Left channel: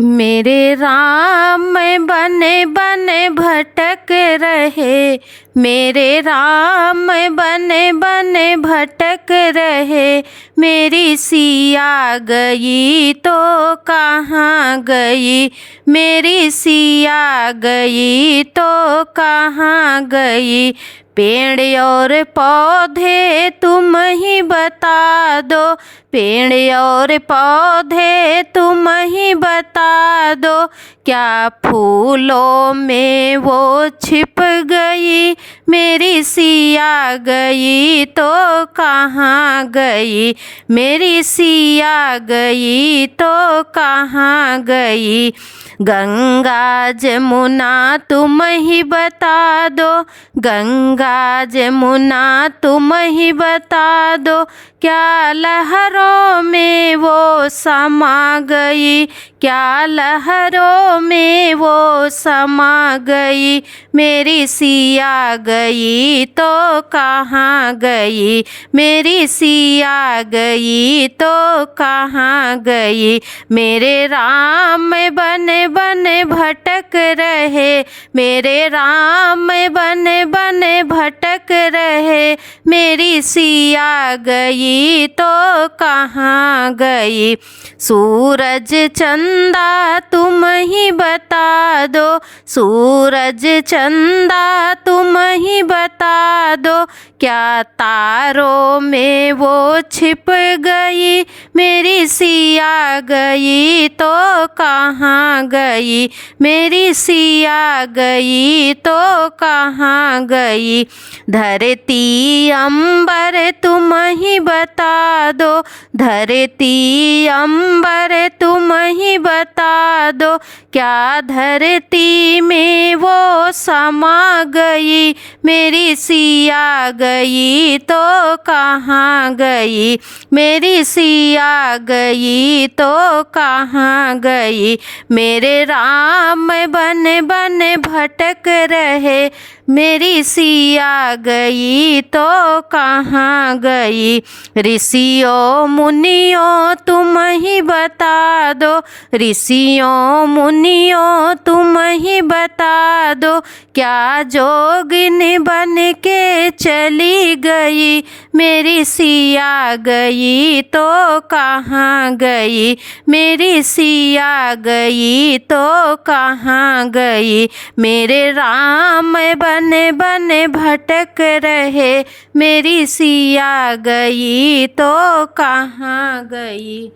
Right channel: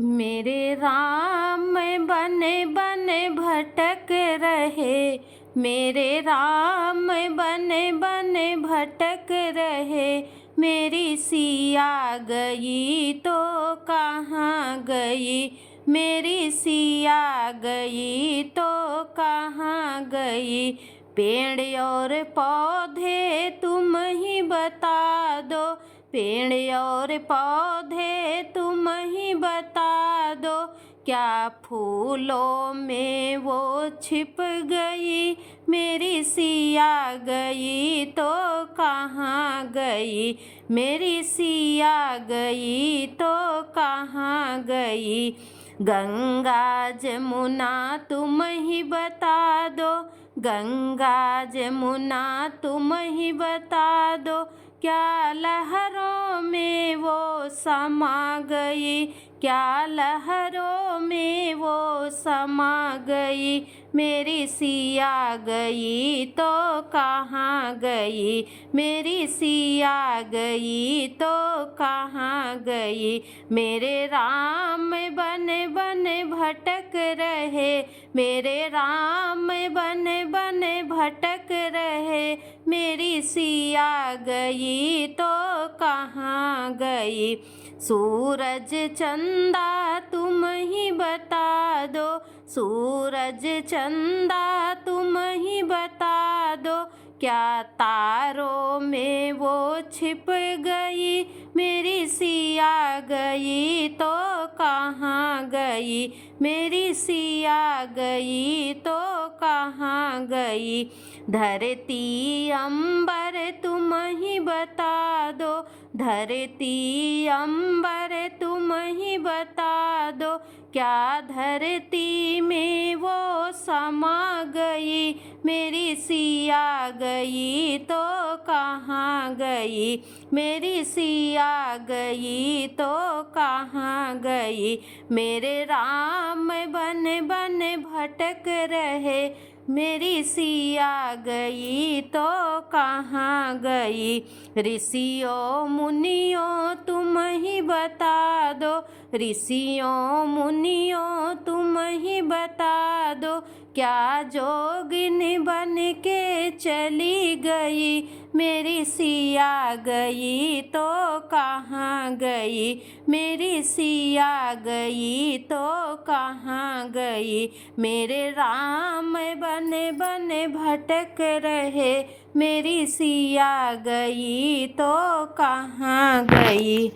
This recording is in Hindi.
मेरे राम बने बने भटक रहे, मेरे राम बने बने भटक रहे। मेरी सिया गई तो कहाँ गई, मेरी सिया गई तो कहाँ गई। पेड़ और पौधे तुम ही बता दो, पेड़ और पौधे तुम ही बता दो। क्या फूलों में वो छिप गई, मेरी सिया गई तो कहाँ गई, मेरी सिया गई तो कहाँ गई। गंगा जमुना तुम ही बता दो, गंगा जमुना तुम ही बता दो। क्या लहरों में वो समा गई, क्या लहरों में वो समा गई। मेरी सिया गई तो कहाँ गई, मेरी सिया गई तो कहाँ गई। मेरे राम बने बने भटक रहे, मेरे राम बने बने भटक रहे। मेरी सिया गई तो कहाँ गई। सूरज चंदा तुम ही बता दो, सूरज चंदा तुम ही बता दो। क्या तारों में वो छिप गई, मेरी सिया गई तो कहाँ गई, मेरी सिया गई तो कहाँ गई। धरती अंबर तुम ही बता दो, धरती अंबर तुम ही बता दो। क्या धरती में वो समा गई, मेरी सिया गई तो कहाँ गई, मेरी सिया गई तो कहाँ गई। मेरे राम बने बने भटक रहे, मेरी सिया गई तो कहाँ गई। ऋषियों मुनियों तुम ही बता दो, ऋषियों मुनियों तुम ही बता दो। क्या जोगिनी बन के चली गई, मेरी सिया गई तो कहाँ गई, मेरी सिया गई तो कहाँ गई। मेरे राम बने बने भटक रहे, मेरी सिया गई तो कहाँ गई।